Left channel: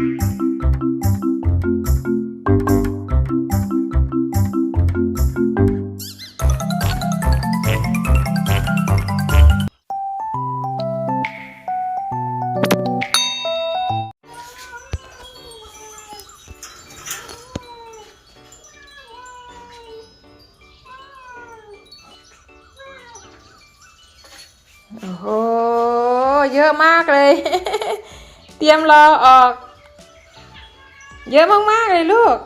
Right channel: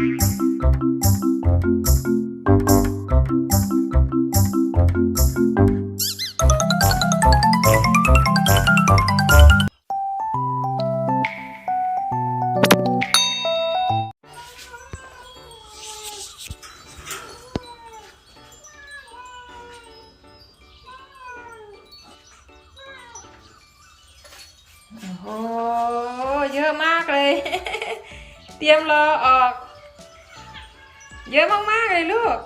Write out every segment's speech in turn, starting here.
โอ้โห เยอะมากเลย เตรียมรอออก เยอะมากๆเลยลูก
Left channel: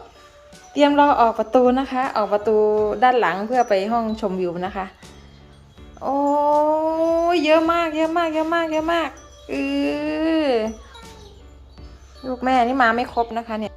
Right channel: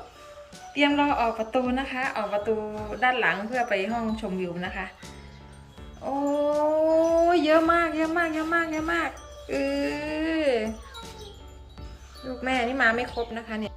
เตรียมรอออกประตูนะคะ ออกประตูด้านหลังเพื่อไปห้องชมวิวนะคะ โอ้เยอะมาก เยอะมาก เยอะมาก เยอะมากเออลูกแม่นี่มาไม่ครบนะคะเนี่ย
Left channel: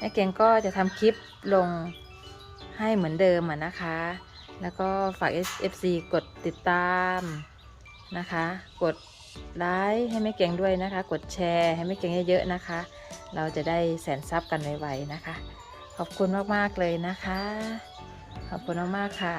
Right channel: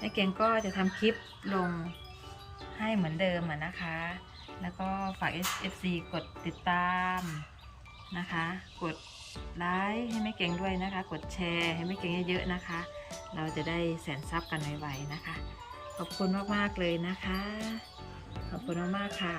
แม่เก่งก็จะทำคลิปลงให้เหมือนเดิมนะคะ แล้วก็ฝาก FC กดติดตามนะคะ กดไลค์ให้แม่เก่งด้วยนะคะ กดแชร์ให้แม่เก่งเยอะๆนะคะ เราจะได้แสนซับกันไวๆนะคะ ขอบคุณมากๆเลยนะคะ ขอบคุณมากๆค่ะ